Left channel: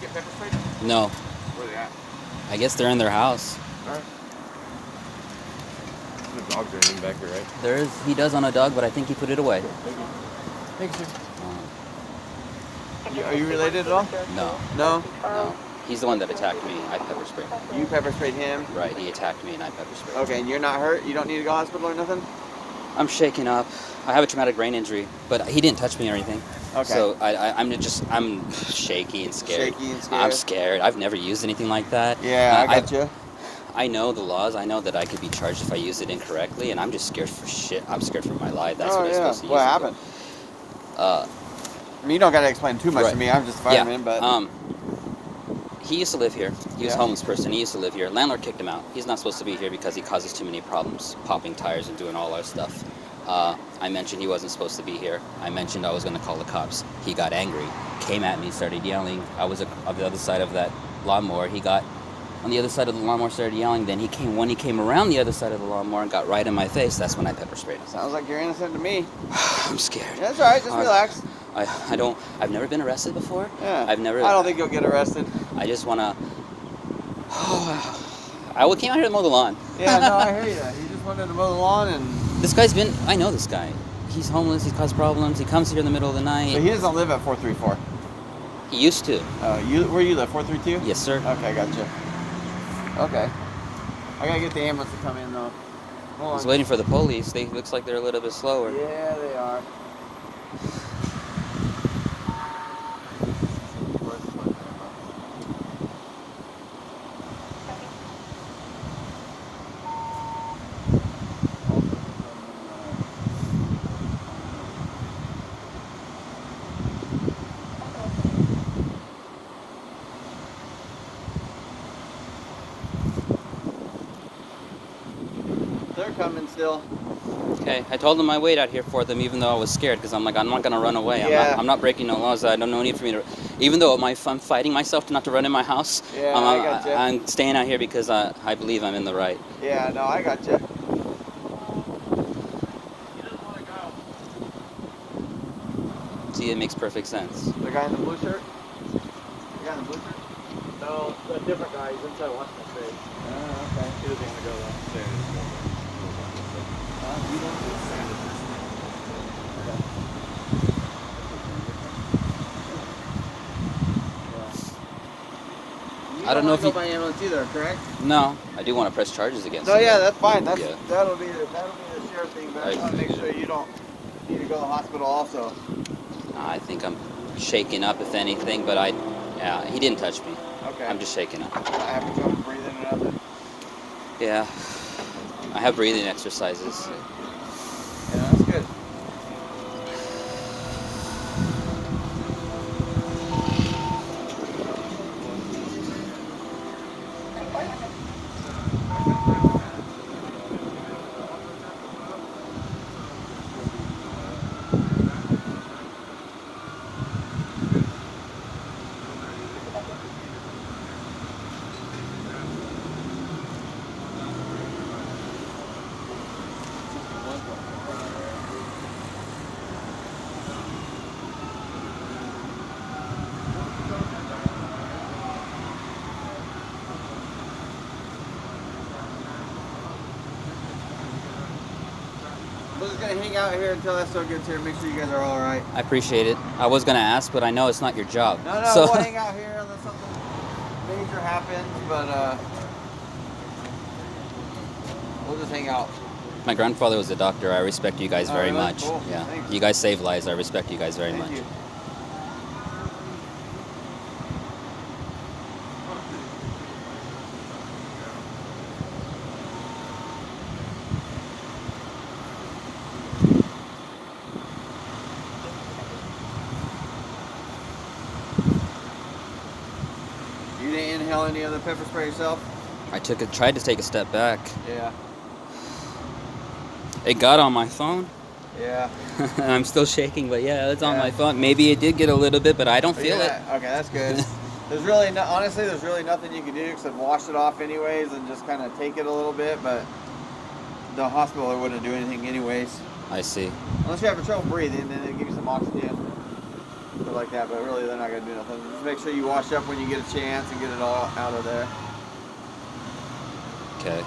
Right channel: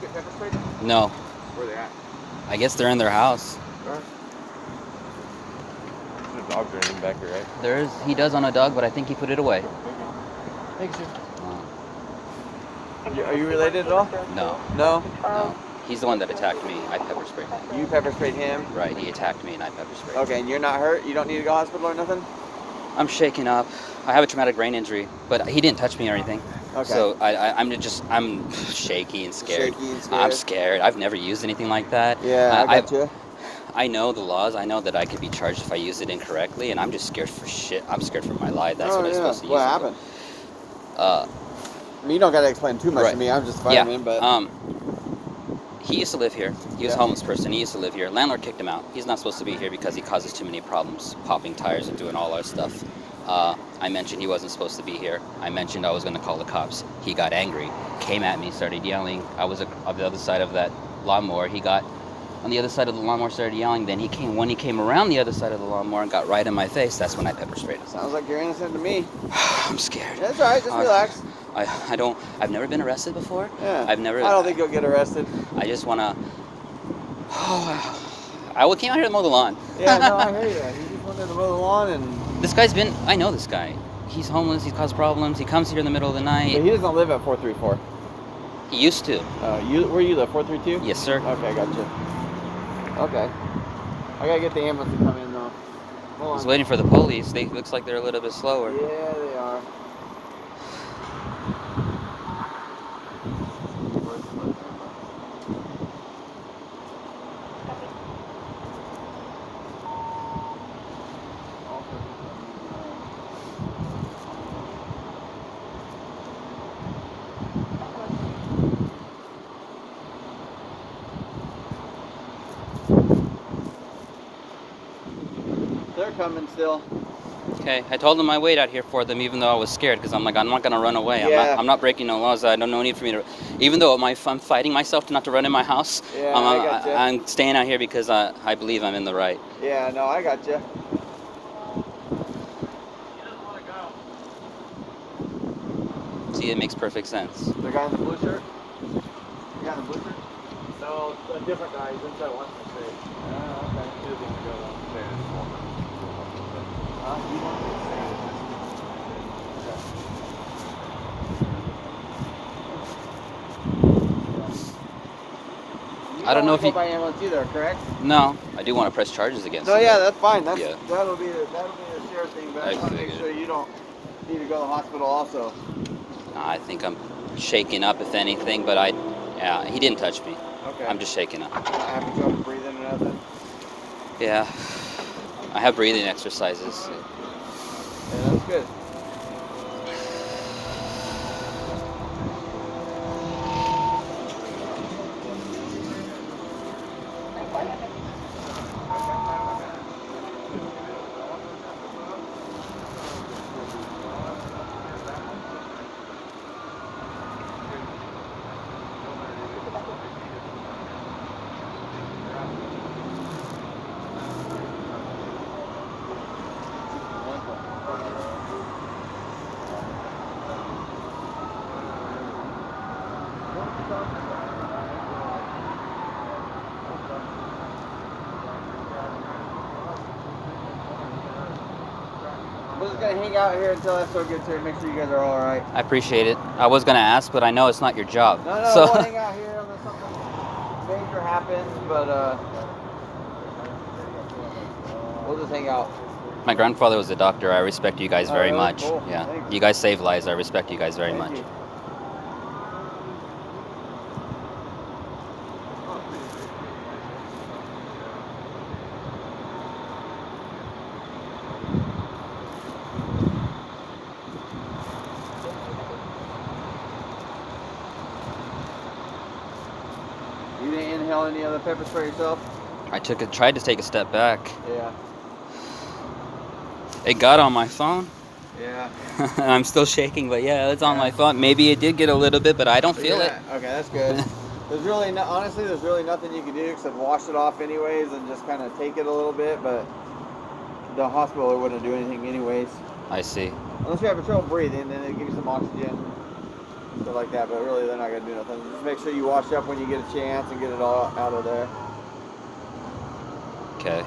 get pepper sprayed? No. Where they at? I guess they're in their house. Alright. The dog's running back there, right? There is. He does on a dog, but I think he put it away. Thanks, sir. Uh, Are you related at all? no. No? No. He's the one that attacked me. I pepper sprayed him. You pepper sprayed him? Right. He attacked me and I pepper sprayed him. Okay, and you're not hurt? You don't need to go to hospital or nothing? I'm shaking up. I have a traumatic brain injury, but he didn't touch me or anything. Okay. So I'm shaky and scared. Shaky and I'm scared? scared. I've never used anything like that. Yeah, I got you. I know the laws. I know that I could be charged if I use it incorrectly, and I'm just scared for shit. I'm scared for my life. That's what I'm supposed to use. What it for. happened? Uh, I mean, you don't got to explain too much Right. to me. I'm just yeah. fireman, but... He used to live here. He was a Yeah. homeless person. He used to live here. Landlord kicked him out. He's not supposed to be here because he causes too many problems, popping tires and doing all our stuff. I mentioned he wasn't supposed to be here. I mentioned I was going to call the cops. He got angry, came at me, started yelling. I was on the other side of that lawnmower. He got on the other side of the lawnmower, started yelling. Then when he came around the other side of the lawnmower and got right in my face, that's when I pepper sprayed him. Sounds like you're innocent to me. I'm scared. That's all right. Just relax. I've never been arrested before. Yeah. I've never. I don't think you'll get arrested. I just want to. I came out here to mow the lawn. Yeah, no, I hear you. You just wanted to mow the lawn and... This guy's been. I know this guy. He's homeless. He caused problems. He comes here in the middle of the But night. he doesn't live at 434. He used to. Where you live? 432? Yes, sir. Okay, gotcha. Okay. I gotta get the ambulance to come in though. I Hold was on. waiting for the police. They looks like they're a little bit slower. Yeah, they are. They're coming still. Okay. I told them I wait out here for them, even though I was scared, because I'm like, I'm not gonna run away. Yeah. I'm not breaking no laws. I don't no need for me to. Even though I'm fighting myself to not to run in my house. Yeah, I gotcha. I'm staying out here because I believe I'm in the right. Yeah, no, I got you. See, it makes perfect sense. The guy in the blue shirt? The guy in the blue shirt? No, a different guy. He's inside watching the stage. Okay. He doesn't want to go downstairs. You want to say I don't know if you you. by ambulance either, correct? No, I do want to press charges against No, him. yeah, that's fine. Yeah. That'll be the sheriff thing, but I I want to make figured. sure you don't need to go to the hospital also. I think I'm shaking up, if anything, but yeah, he didn't touch me. Okay. I'm just shaking up. I have trouble breathing and out. Yeah, I have breathing exercises. Yeah, that's good. We're just gonna hang out here until Esso gets here. Make sure you guys are all right. I appreciate it. I was gonna ask, but I know it's not your job. No, So we'll hang out here unless something major happens, but we'll just hang out. my grandfather was a doctor. I respect you guys very really? much. Cool. Yeah, Thanks. you guys save lives. I respect you guys very Thank much. you. You didn't inhale any of the pepper spray yourself? Tried to take a step back. Yeah. It got on my phone. Yeah. I'm still shaking, but yeah, it's on Yeah. my phone. Maybe it did get a little bit, but I don't feel it. Okay, that's good. There's really honestly, there's really nothing you can do except wash it off anyways and just kind of take it a little bit. But the hospital wouldn't do anything anyways, I see. unless you have trouble breathing, then they give you some oxygen. stuff like that, but really they're not gonna do nothing. Just make sure you wash up when you get a chance and get it all out of there. Okay.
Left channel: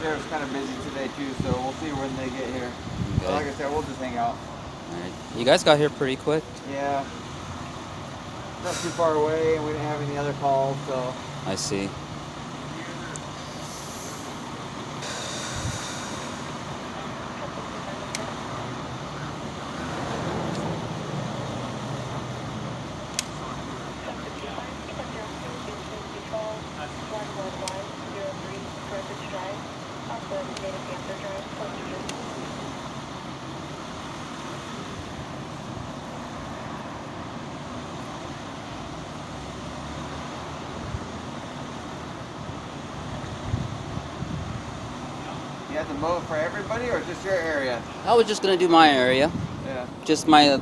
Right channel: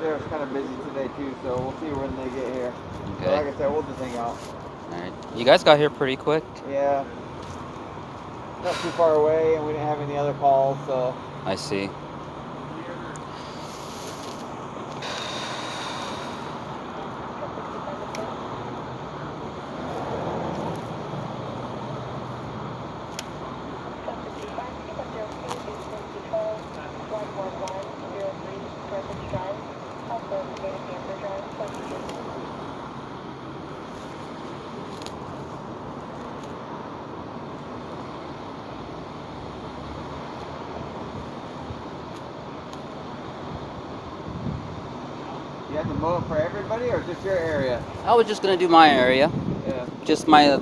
Sheriff's kind of busy today too, so we'll see when they get here. So Okay. like I said, we'll just hang out. All right. You guys got here pretty quick. Yeah. Not too far away, and we didn't have any other calls, so. I see. You have to mow it for everybody, or just your area? I was just gonna do my area. Yeah. Just my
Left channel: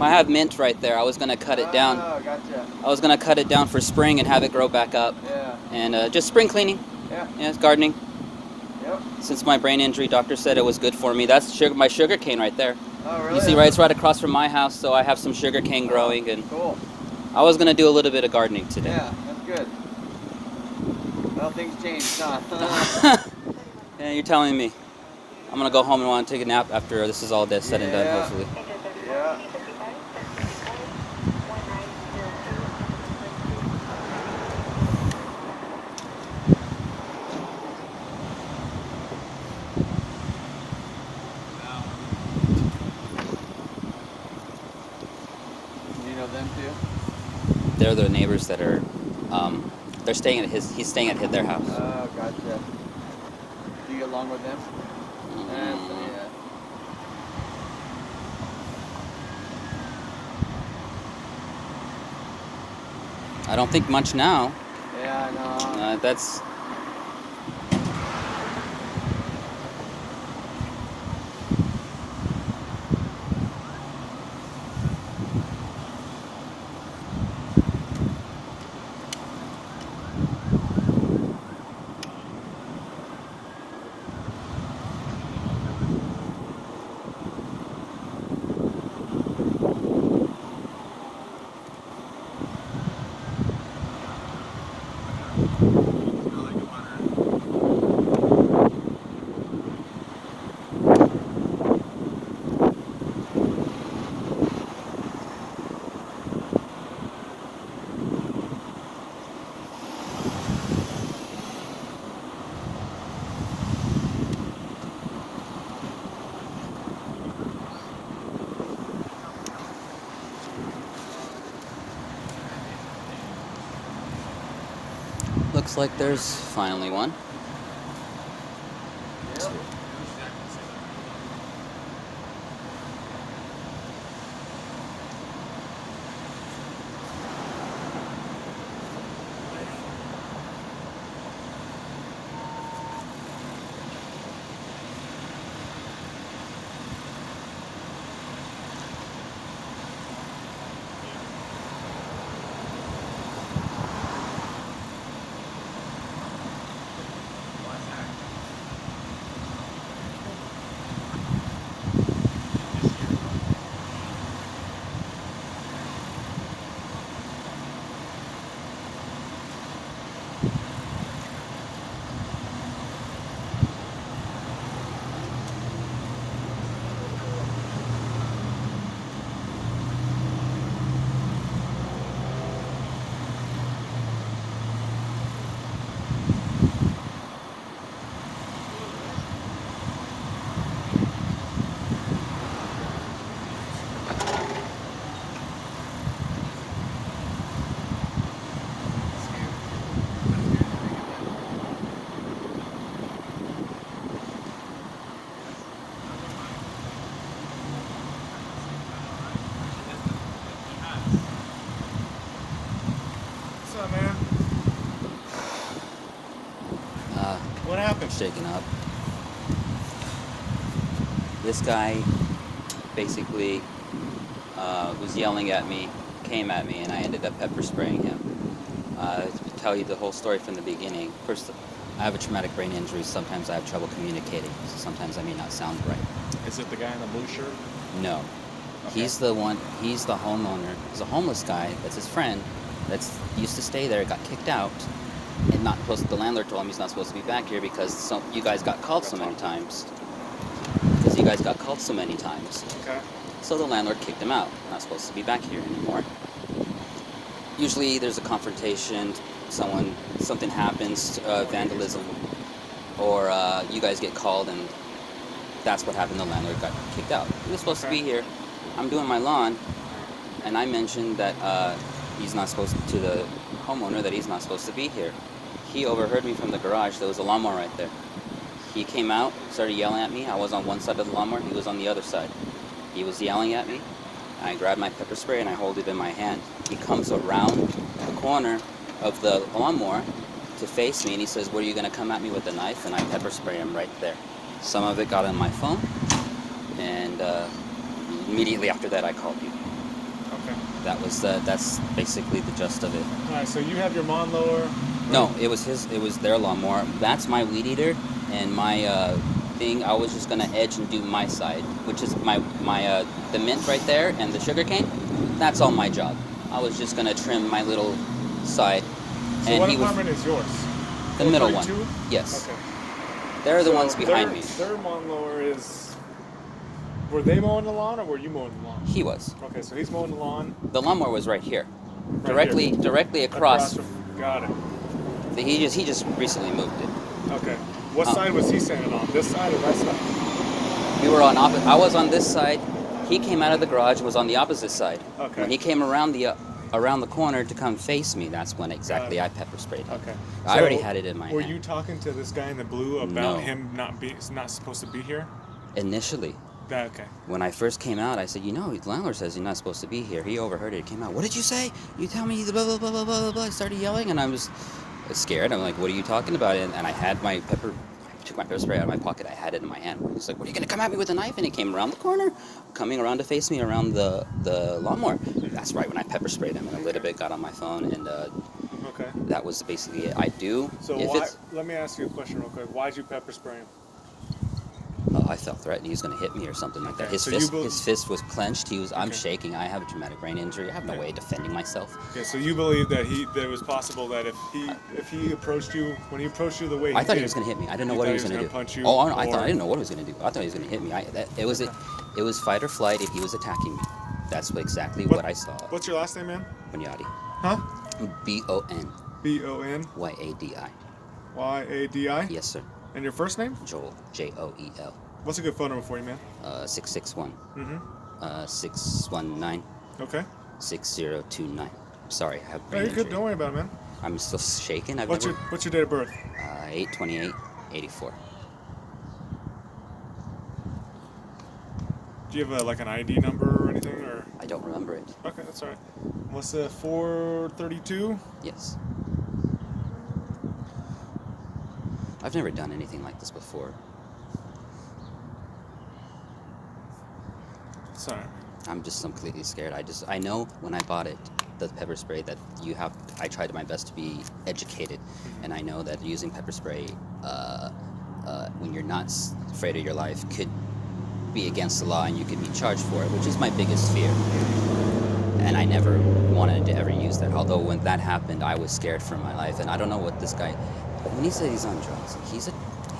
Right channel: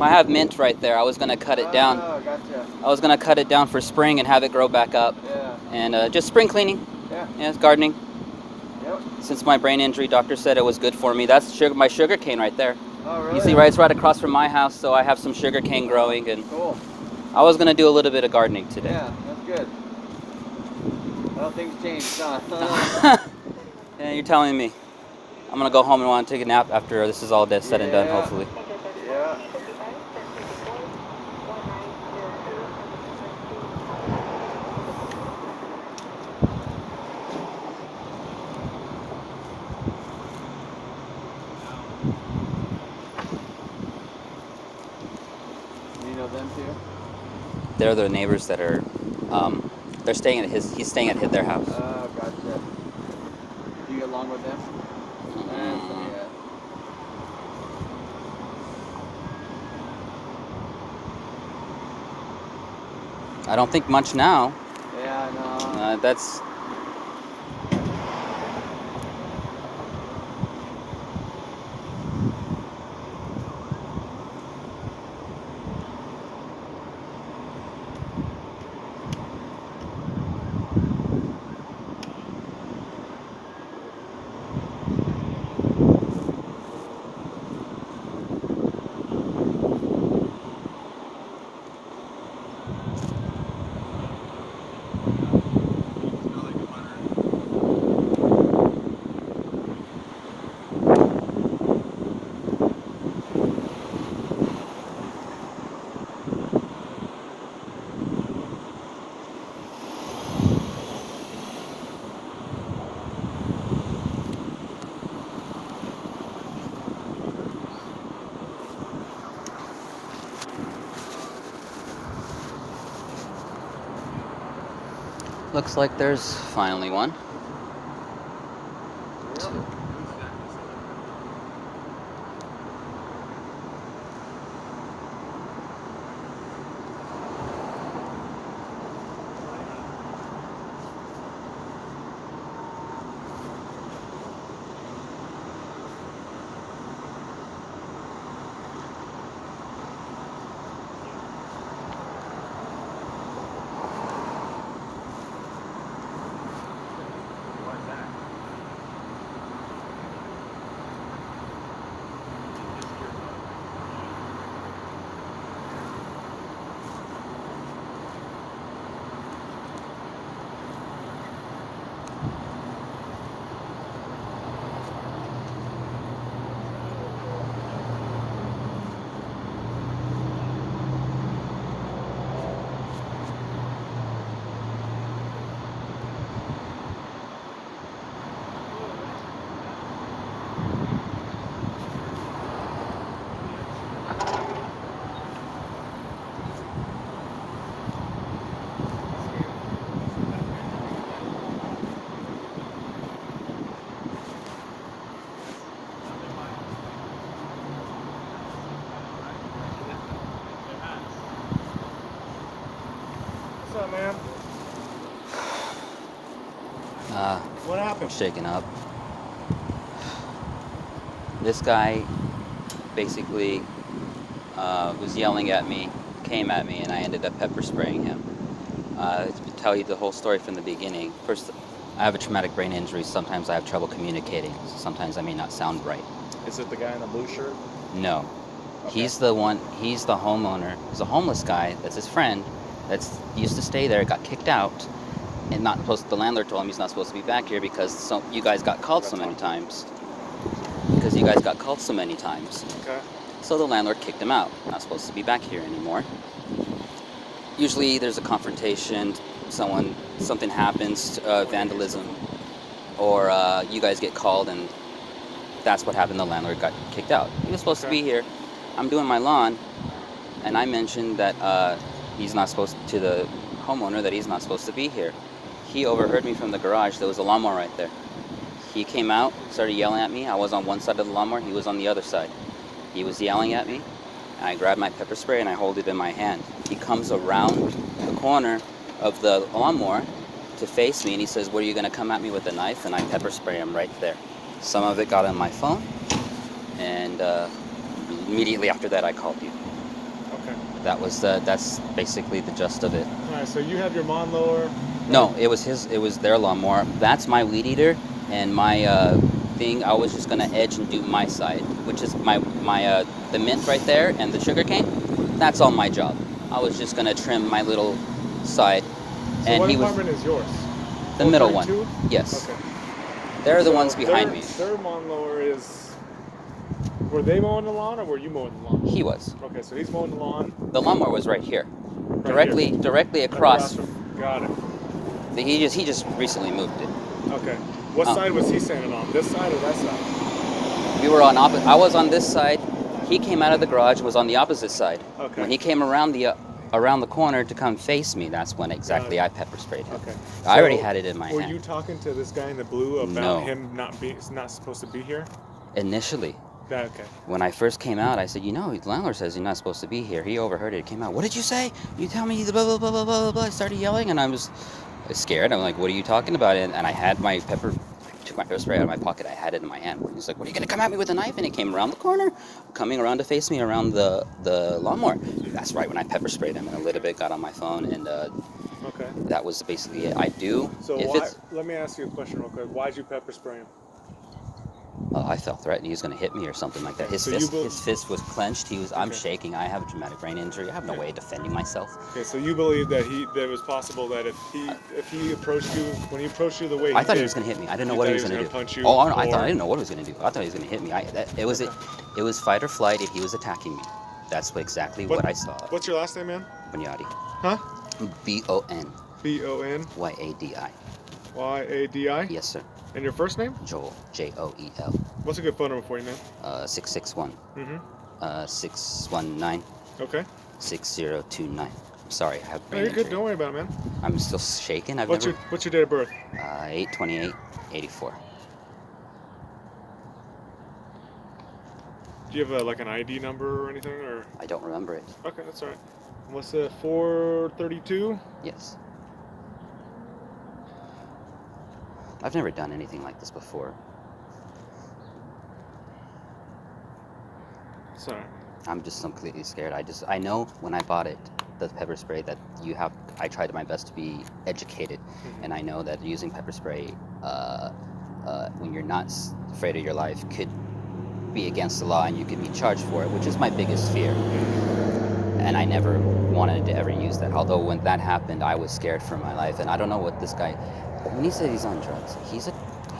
I have mint right there. I was gonna cut it down. Oh, gotcha. I was gonna cut it down for spring and have it grow back up. Yeah. And just spring cleaning. Yeah. Yeah, it's gardening. Yep. Since my brain injury, doctor said it was good for me. That's my sugar cane right there. Oh, really? You see, right? It's right across from my house, so I have some sugar cane growing, and Cool. I was gonna do a little bit of gardening today. Yeah, that's good. Well, things changed, huh? Yeah, you're telling me. I'm gonna go home and want to take a nap after this is all said and done, Yeah. hopefully. Yeah. Do you know them too? They're the neighbors that are, they're staying at he's staying at their house. Oh, gotcha. Do you get along with them? Mm. I don't think much now. Yeah, I know. That's. Looks like there's finally one. been shaken up. This guy basically was yelling at me, came at me, and I ended up pepper spraying him. To tell you the whole story from the beginning, first, I have a traumatic brain injury. Sometimes I have trouble communicating. So sometimes I may not sound right. Is it the guy in the blue shirt? No. Okay. He's the homeowner. He's a homeless guy. That's his friend. That's used to stay there. Got kicked out, and not supposed. The landlord told him he's not supposed to be back here because you guys got called so many times. Okay. So the landlord kicked him out. Not supposed to be back here anymore. Usually there's a confrontation. Something happens, vandalism, or you guys get called, and that's what happened. The landlord got kicked out. He was supposed to be here. I'm doing my lawn, and I mentioned that he's not supposed to the homeowner that he's not supposed to be here. He overheard me from the garage. There was a lawnmower right there. He came out, started yelling at me. I was on one side of the lawnmower. He was on the other side. He was yelling at me, and I grabbed my pepper spray and I hold it in my hand. He comes around the corner of the lawnmower to face me, and he says, "What, are you going to come at me with a knife?" And I pepper spray him right there. Some of it got on my phone, and immediately after that I called you. Okay. That's basically the gist of it. All right. So you have your lawn mower. No, it was their lawnmower. That's my weed eater, and my thing. I was just gonna edge and do my side, which is my the mint right there and the sugar cane. That's all my job. I was just gonna trim my little side. So and what he was apartment is yours? the middle one. 432? Yes, Okay. they're the So ones behind me. Their lawnmower is. Were they mowing the lawn, or were you mowing the lawn? He was. Okay, so he's mowing the lawn. The lawnmower was right here, Right here. directly across. Got it. He just recently moved it. Okay. What Oh. side was he standing on? This side or that side? We were on opposite. I was on this side. He came out of the garage. Was on the opposite side. Okay. When he came around the corner to come face me, that's when exactly I pepper sprayed him. Okay. I already So, had it in my Were hand. you talking to this guy in the blue about No. him not supposed to be here? Initially, Okay. when I first came out, I said, the landlord says you're not supposed to be here. He overheard it. He came out. What did you say? You tell me the blah blah blah blah blah blah. I started yelling, and I was scared. I'm like, what are you talking about? And I had my took my pepper spray out of my pocket. I had it in my hand. He's like, what, are you gonna come at me with a knife? And he came around the corner, coming around to face me around the lawnmower. That's right when I pepper sprayed him, and a little bit got on my phone, and Okay. that was basically it. I do. So if why, it's, let me ask you a question real quick. Why'd you pepper spray him? I felt threatened. He was gonna hit me or something like that. Okay, His so you fist, bel- his fist was clenched. I'm Okay. shaking. I have a traumatic brain injury. I have no way of defending myself. Okay, so you believe that it was possible that if he approached you, when he approached you the way I thought did, he was gonna hit me. I didn't know you what he thought was gonna do. punch you, Oh, I or- didn't know what he was gonna do. I thought he was gonna hit me. It was fight or flight if he was attacking me. That's exactly what I saw. What's your last name, man? Bunyadi. Huh? BON BONYADI. YADI. Yes, sir. And your first name? Joel. JOEL. What's a good phone number for you, man? 661 Mm-hmm. 619 Okay. 6029. I'm sorry, I have No, brain you're good. injury. Don't worry about it, man. I'm still shaking. What's your date of birth? 8/28/84. Do you have like an ID number or anything, or? I don't remember it. Okay, that's all right. What's 432? Yes. I've never done anything like this before. Sorry. I'm just completely scared. I know when I bought it, the pepper spray, that I tried my best to be educated, and I know that using pepper spray when you're not afraid of your life could be against the law and you could be charged for it, which is my biggest fear. And I never wanted to ever use that. Although when that happened, I was scared for my life, and I don't know what this guy. When he said he's on drugs,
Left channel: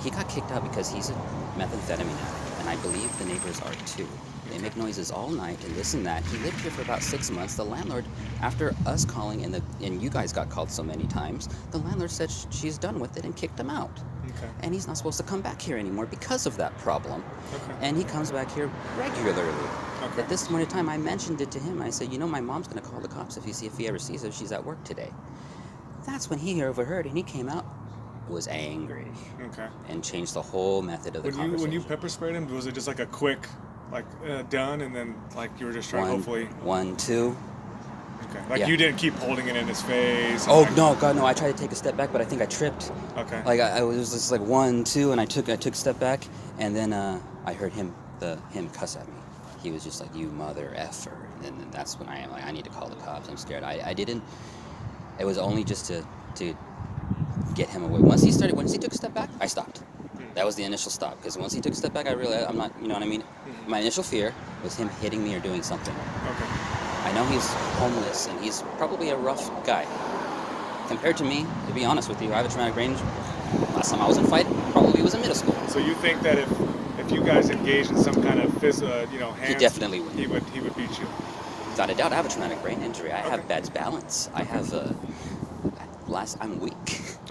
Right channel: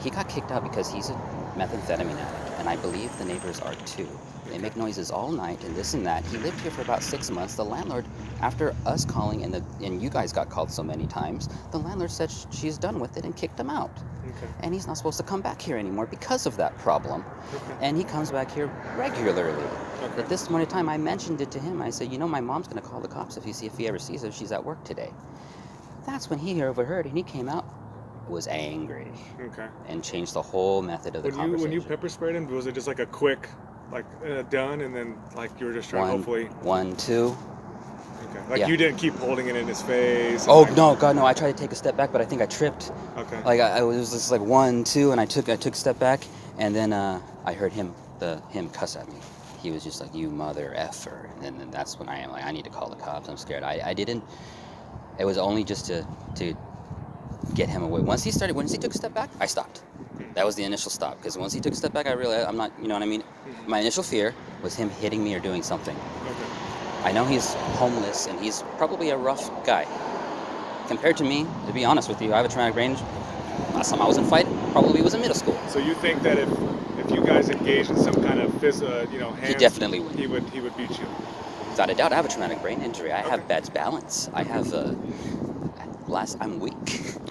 he got kicked out because he's a methamphetamine addict, and I believe the neighbors are too. They make noises all night and this and that. He lived here for about 6 months. The landlord, after us calling and you guys got called so many times, the landlord said she's done with it and kicked him out. Okay. And he's not supposed to come back here anymore because of that problem. Okay. And he comes back here regularly. Okay. At this point in time, I mentioned it to him. I said, my mom's going to call the cops if he ever sees her. She's at work today. That's when he overheard, and he came out, was angry, Okay. and changed the whole method of the When conversation. you pepper sprayed him, was it just like a quick, done, and then like you were just trying to hopefully? 1, 2. Okay. Like Yeah. you didn't keep holding it in his face. and Oh like- no, God no! I tried to take a step back, but I think I tripped. Okay. Like I was just like 1, 2, and I took a step back, and then I heard him cuss at me. He was just like, "You mother effer," and then that's when I am like, I need to call the cops. I'm scared. I didn't. It was only just to get him away. Once he took a step back, I stopped. That was the initial stop. Because once he took a step back, I realized I'm not. You know what I mean? My initial fear was him hitting me or doing something. Okay. I know he's homeless and he's probably a rough guy. Compared to me, to be honest with you, I have a traumatic brain. Last time I was in a fight probably was in middle school. So you think that if you guys engaged in some kind of hands, definitely would. he would beat you. Without a doubt, I have a traumatic brain injury. I have bad balance. I have I'm weak.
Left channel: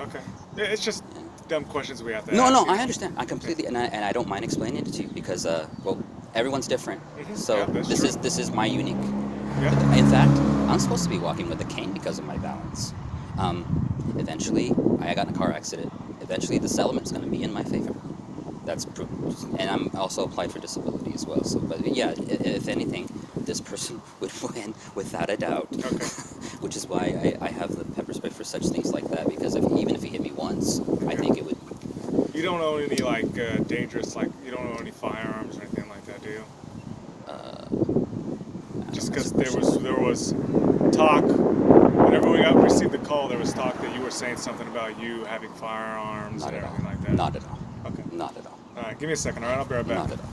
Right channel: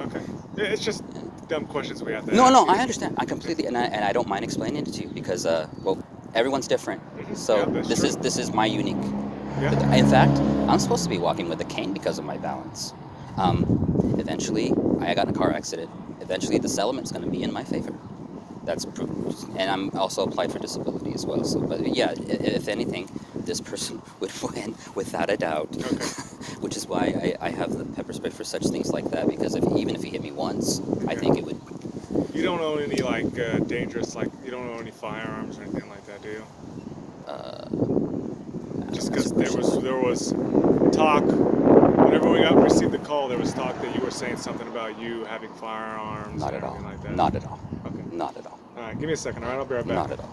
Okay. Yeah, it's just dumb questions we have to No, ask. no, you. I understand. I completely and I don't mind explaining it to you because well, everyone's different. So Yeah, that's this true. is my unique. Yeah. In fact, I'm supposed to be walking with a cane because of my balance. Eventually, I got in a car accident. Eventually, this element's going to be in my favor. That's proven. And I'm also applied for disability as well. So, but yeah, if anything, this person would win without a doubt. Okay. Which is why I have the pepper spray for such things like that. Because even if he hit me once, I think it would. You don't own any dangerous you don't own any firearms or anything like that, do you? Just because there was talk. Whenever we received the call, there was talk that you were saying something about you having firearms Not and at all. everything like that. Not at all. Okay. Not at all. All right, give me a second, all right? I'll be right back. Not at all.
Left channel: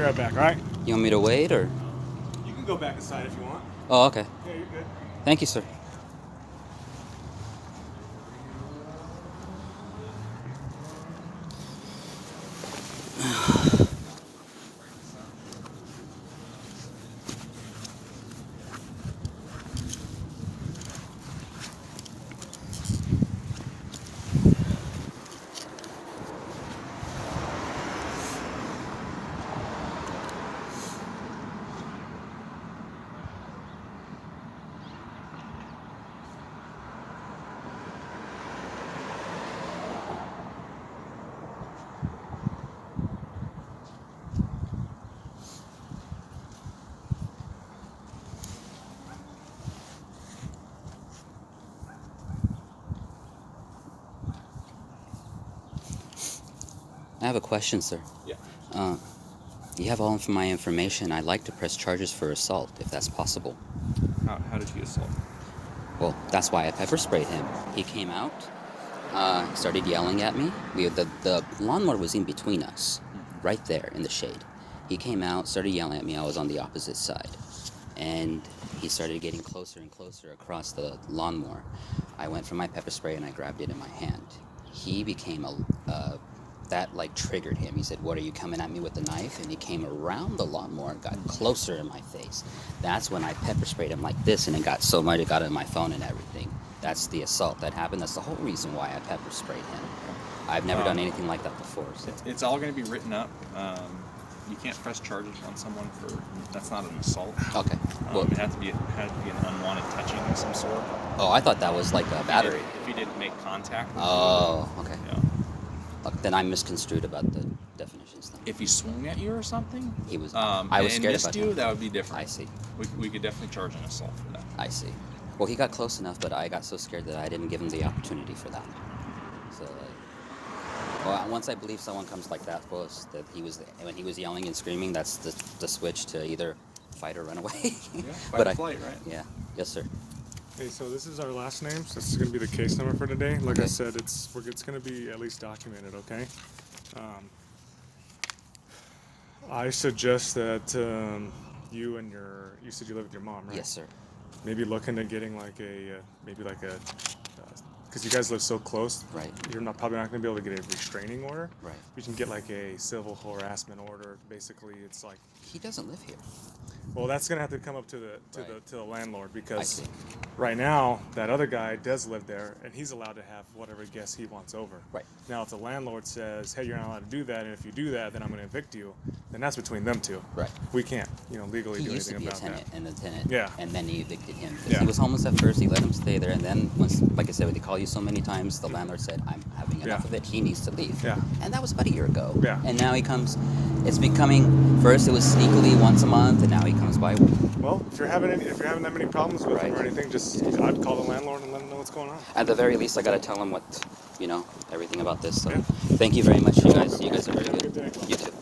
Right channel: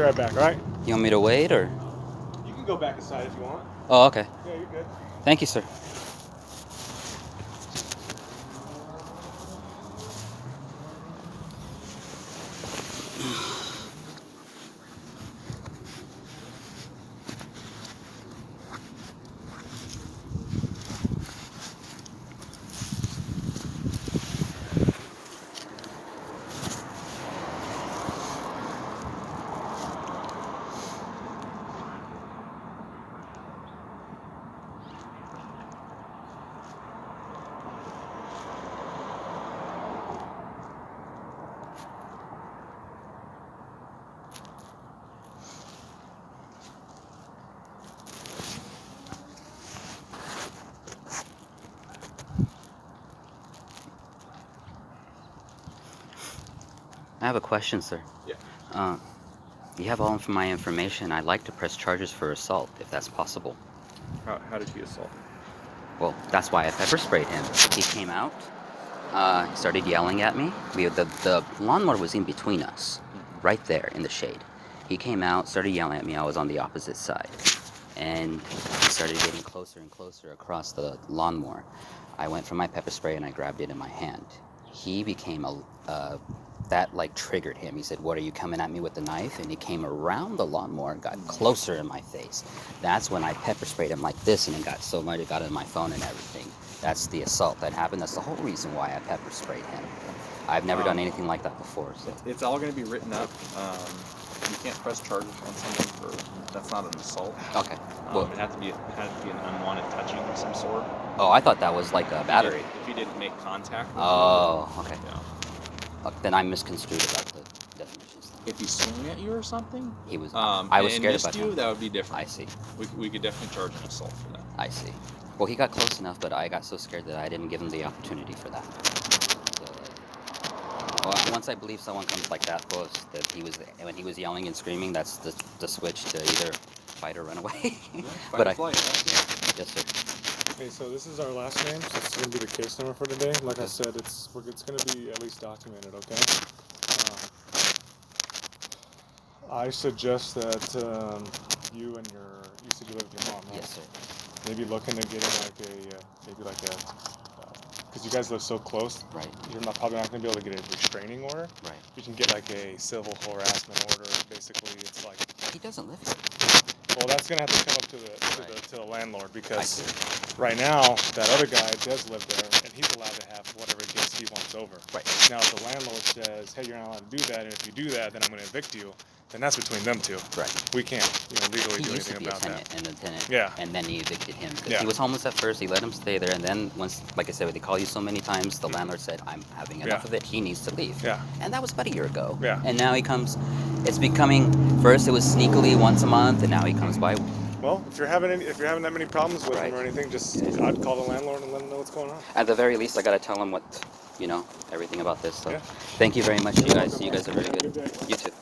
be right back, all right? You want me to wait or? You can go back inside if you want. Oh, okay. Yeah, you're good. Thank you, sir. I have a question, sir. Yeah. You have all of my information. I'd like to press charges for assault, if that's possible. How did you assault? Well, that's why I pepper sprayed him. He came out, started yelling at me. The lawnmower was in between us, right there in the shade. He came out, started yelling at me. I was on the opposite side. And he started getting closer and closer across the lawnmower. I went for my pepper spray and I grabbed it in my hand. He became that like triggered him. He said, "What, are you coming at me with the knife?" And he came around the lawnmower and got closer in my face. That's when I pepper sprayed him like this, and it got so much, it got in my phone and everything. That's the assault that happened. That's the whole reason why I pepper sprayed him. I've never done anything like that before. So. It's all going to be written up. You can't press charges on someone for that's not an assault. Okay. Well, It had to be an unwanted touching of some sort. oh, I thought that was like a battery. If you didn't make contact. With Oh, okay. Yeah. Then I misconstrued about the definitions. If he swung at you or something, He was. I I was scared missed about you, him. that would be different. I see. We could definitely charge an assault for that. I see. Well, he got close enough, but I got so scared that I didn't give him the opportunity for that. So, well, once I believe someone comes like that close, that when he was yelling and screaming, that's the switch to either fight or run away. But I, yes, sir. Hey, so this is our last name. So this is going to be the case number for today. Like I Okay. said, it's going to be at least documented, okay? I suggest that you said you live with your mom, right? Yes, sir. Maybe looking to get him because you guys live so close. Right. You're probably not going to be able to get a restraining order. Right. You can get like a civil harassment order. Basically, it's like, He doesn't live here. well, that's going to have to come up to the landlord I because see. right now that other guy does live there and he's allowed to have whatever guests he wants over. Right. Now, if the landlord says, "Hey, you're not allowed to do that," and if you do that, then I'm going to evict you, then that's between them two. Right. We can't, legally He do used to anything be a about tenant, that. and a tenant. Yeah. And then he evicted him. 'Cause Yeah. He was homeless at first. He let him stay there, and then once, like I said, they call you so many times, the landlord said, "I'm having enough Yeah. of it. He needs to leave." Yeah. And that was about a year ago. Yeah. And now he comes. It's becoming. First, it was sneakily once a month, and now he comes by. Well, if you're having that many problems with Right. him or anything, just I'd call the landlord and let him know what's going on. At the very least, I gotta tell him what, everything about this. So, Yeah. thank you very much, you guys. You guys are very good. Good day. You too.